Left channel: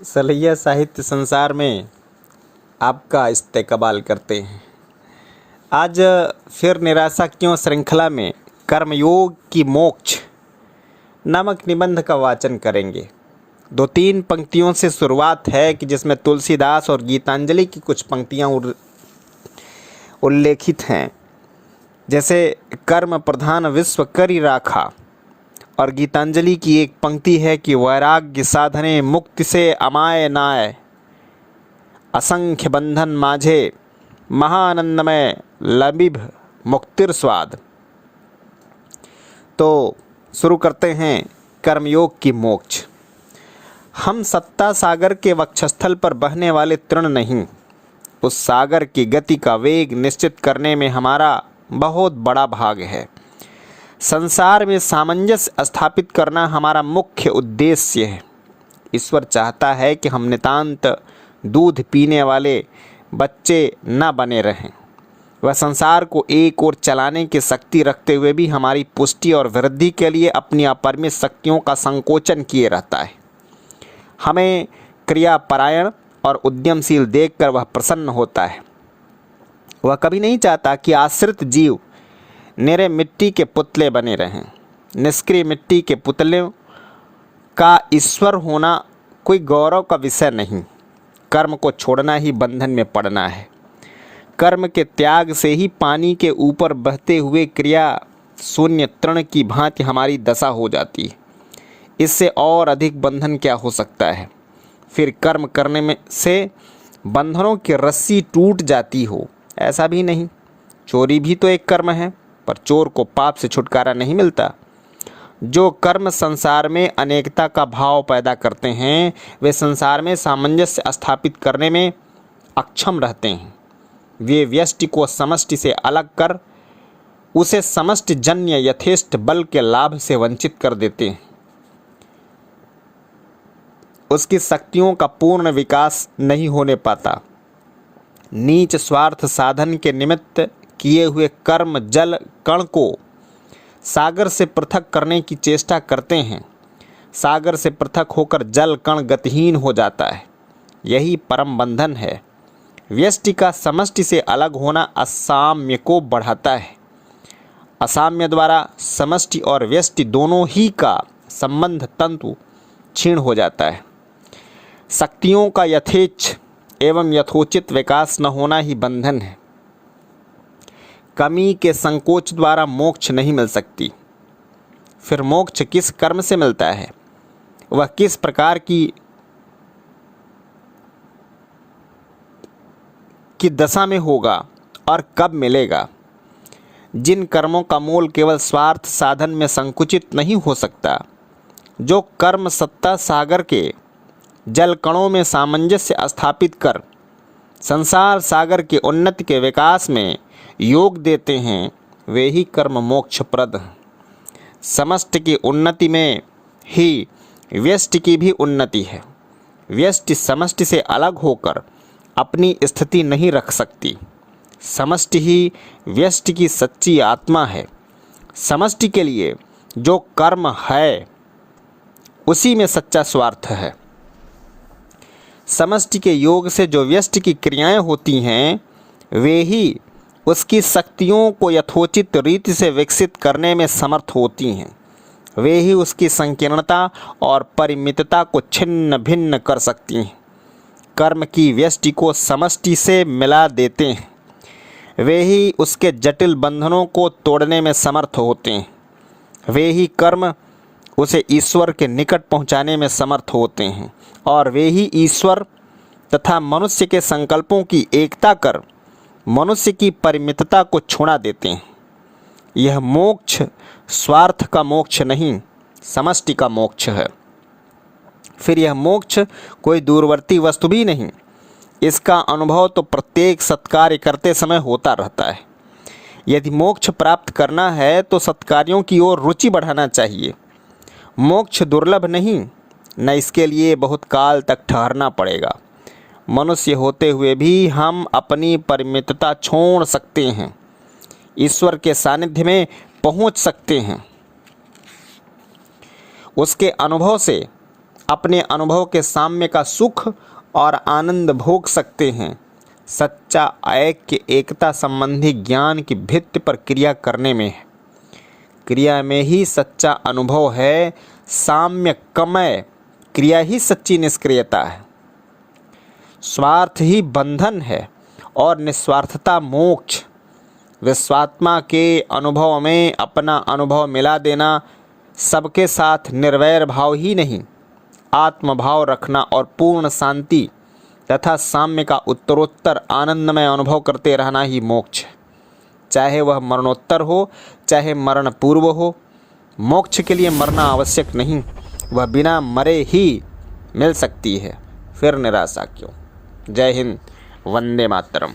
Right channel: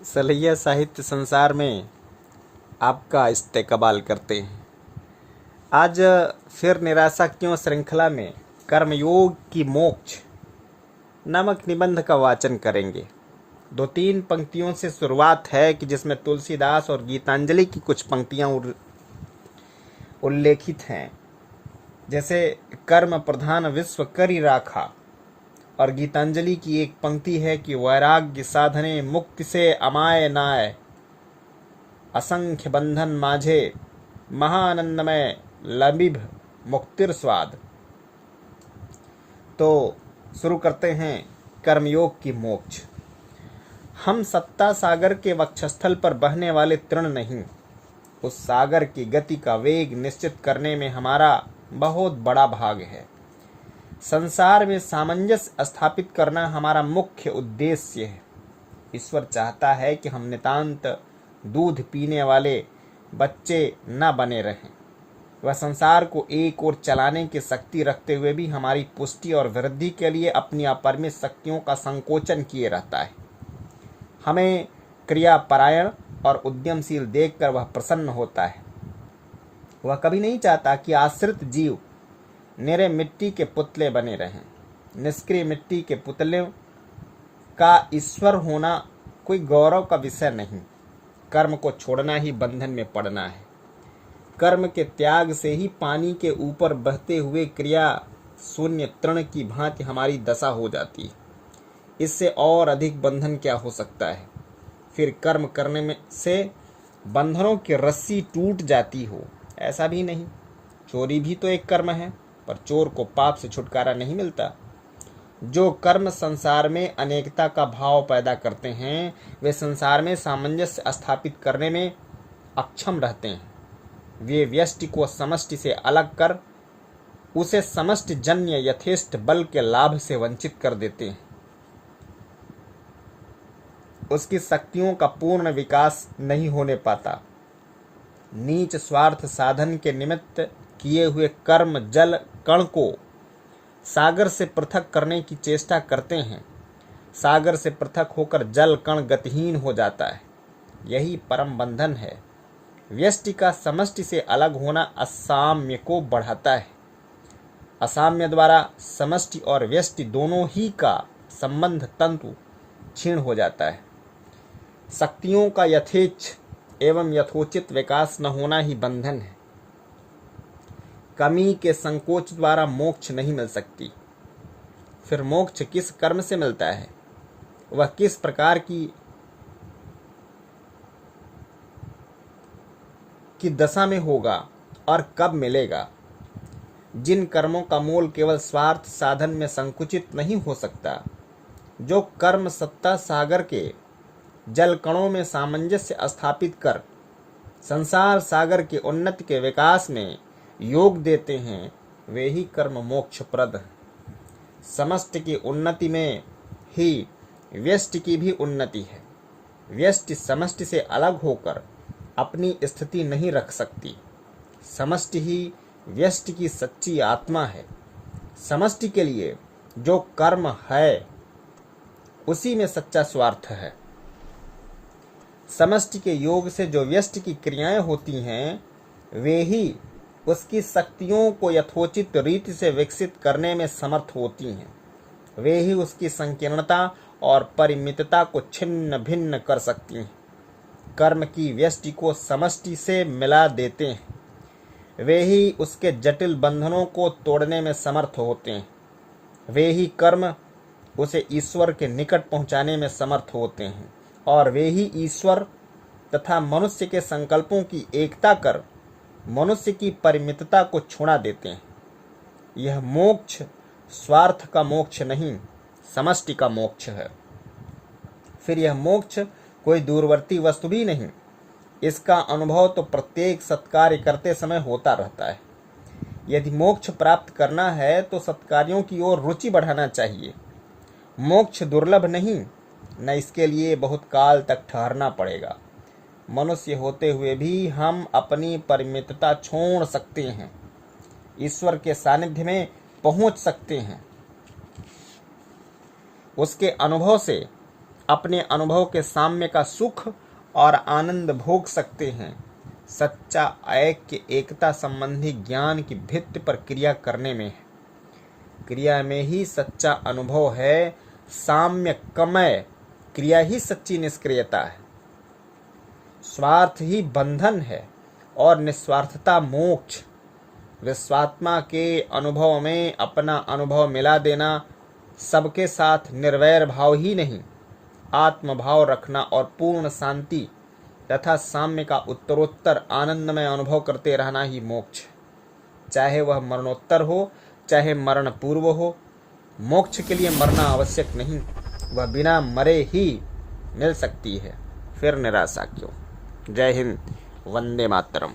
सलैया साहित्य संसार में आपका इस्तेकबाल करते हैं। आज फिर निराशा क्यों श्रृंखला में कर्मयोग की मोक्ष नामक निबंध का वाचन करेंगे। 2-3 पंक्तियों से शुरुआत है कि जिसमें तुलसीदास और गीतांजलि की कुछ पंक्तियां उल्लेखित हैं। जैसे कर्म प्रधान विश्व करि राखा, और गीतांजलि की एक पंक्ति है कि वैराग्य साधने मुक्ति से अमाय नाय, असंख्य बंधन माझे महानंदमय लबिभ मुक्तिर स्वाद। तो शुरू करते हैं कर्मयोग की मोक्ष। हम सत्ता सागर के वक्षस्थल पर बहने वाले तृण नहीं, उस सागर की गति का वेग निश्चित करने में हमारा बहुत बड़ा भाग है। संसार में सामंजस्य स्थापित करना हमारा मुख्य उद्देश्य है। ईश्वर चाहता है कि हम नितांत दूध पीने वाले बच्चे न बने रहें। वह संसार को एक ओर चलाने की शक्ति रखते हुए भी हमारी पुष्टि और वृद्धि के लिए अपनी अपरिमित शक्तियों का संकोचन किए रहता है। हमें क्रियापरायण और उद्यमशील देखकर वह प्रसन्न होता है। वह कभी नहीं चाहता कि आश्रित जीव निरे मिट्टी के पुतले बने रहें। निष्क्रिय मिट्टी के पुतलों का ईश्वर होना कोई गौरव का विषय नहीं। कर्म को छोड़ना ही बंधन में पड़ना है। कर्म के त्याग से ही पानी के ऊपर बहते हुए क्रिया शून्य तृण की भांति हमारी दशा हो जाती है। इससे और अधिक बंधन क्या हो सकता है। फिर कर्म करने में से बंधनों की रस्सी टूट जाती हो, ऐसा भी नहीं। चोरी भी तो एक कर्म है, पर चोर को पाप से छुटकारा नहीं मिलता। जो कर्म संसार में अनेकता का भाव पैदा करते हैं, वे संसार में सामंजस्य स्थापित करने में अक्षम रहते हैं। वे व्यष्टि को समष्टि से अलग कर उसे समष्टि जन्य यथेष्ट बल के लाभ से वंचित कर देते हैं। उसकी शक्तियों का पूर्ण विकास नहीं होने पाता। नीच स्वार्थ साधन के निमित्त किए हुए कर्म जल कण को सागर से पृथक करने की चेष्टा करते हैं। सागर से पृथक होकर जल कण गतिहीन हो जाता है। यही परम बंधन है। व्यष्टि का समष्टि से अलग होना असाम्य को बढ़ाता है। असाम्य द्वारा समष्टि और व्यष्टि दोनों ही का संबंध तंतु क्षीण हो जाता है। शक्तियों का यथेच्छ एवं यथोचित विकास न होना ही बंधन है। कमी के संकोच द्वारा मोक्ष नहीं मिल सकती। फिर मोक्ष किस कर्म से मिलता है, वह किस प्रकार की दशा में होगा और कब मिलेगा। जिन कर्मों का मूल केवल स्वार्थ साधन में संकुचित नहीं हो सकता, जो कर्म सत्ता सागर के जल कणों में सामंजस्य स्थापित कर संसार सागर के उन्नति के विकास में योग देते हैं, वे ही कर्म मोक्षप्रद हैं। समष्टि की उन्नति में ही व्यष्टि की भी उन्नति है। व्यष्टि समष्टि से अलग होकर अपनी स्थिति नहीं रख सकती। समष्टि ही व्यष्टि की सच्ची आत्मा है। समष्टि के लिए जो कर्म है उसी में सच्चा स्वार्थ है। समष्टि के योग से जो व्यष्टि की क्रियाएं होती हैं, वे ही उसकी शक्तियों को यथोचित रीति से विकसित करने में समर्थ होती हैं। वे ही उसकी संकीर्णता और परिमितता को छिन्न भिन्न कर सकती हैं। कर्म की व्यष्टि को समष्टि से मिला देते हैं। वे ही उसके जटिल बंधनों को तोड़ने में समर्थ होते हैं। वे ही कर्म उसे ईश्वर के निकट पहुंचाने में समर्थ होते हैं, और वे ही ईश्वर तथा मनुष्य के संकल्पों की एकता कर मनुष्य की परिमितता को छुड़ा देते हैं। यह मोक्ष स्वार्थ का मोक्ष नहीं, समष्टि का मोक्ष है। फिर यह मोक्ष कोई दूरवर्ती वस्तु भी नहीं। इसका अनुभव तो प्रत्येक सत्कार्य करते समय होता रहता है। यदि मोक्ष प्राप्त करना है तो सत्कार्यों की ओर रुचि बढ़ाना चाहिए। मोक्ष दुर्लभ नहीं, न इसके लिए बहुत काल तक ठहरना पड़ेगा। मनुष्य होते हुए भी हम अपनी परिमितता छोड़ सकते हैं, ईश्वर के सानिध्य में पहुंच सकते हैं। उसके अनुभव से अपने अनुभव के साम्य का सुख और आनंद भोग सकते हैं। सच्चा ऐक्य एकता संबंधी ज्ञान की भित्ति पर क्रिया करने में है। क्रिया में ही सच्चा अनुभव है। साम्यकमय क्रिया ही सच्ची निष्क्रियता है। स्वार्थ ही बंधन है और निस्वार्थता मोक्ष। विश्वात्मा के अनुभव में अपना अनुभव मिला देना, सबके साथ निर्वैर भाव ही नहीं, आत्मभाव रखना और पूर्ण शांति तथा साम्य का उत्तरोत्तर आनंदमय अनुभव करते रहना ही मोक्ष है। चाहे वह मरणोत्तर हो, चाहे मरण पूर्व हो। मोक्ष के लिए मरना आवश्यक नहीं, वह बिना मरे ही मिल सकती है। फिर निराशा क्यों। जय हिंद, वंदे मातरम।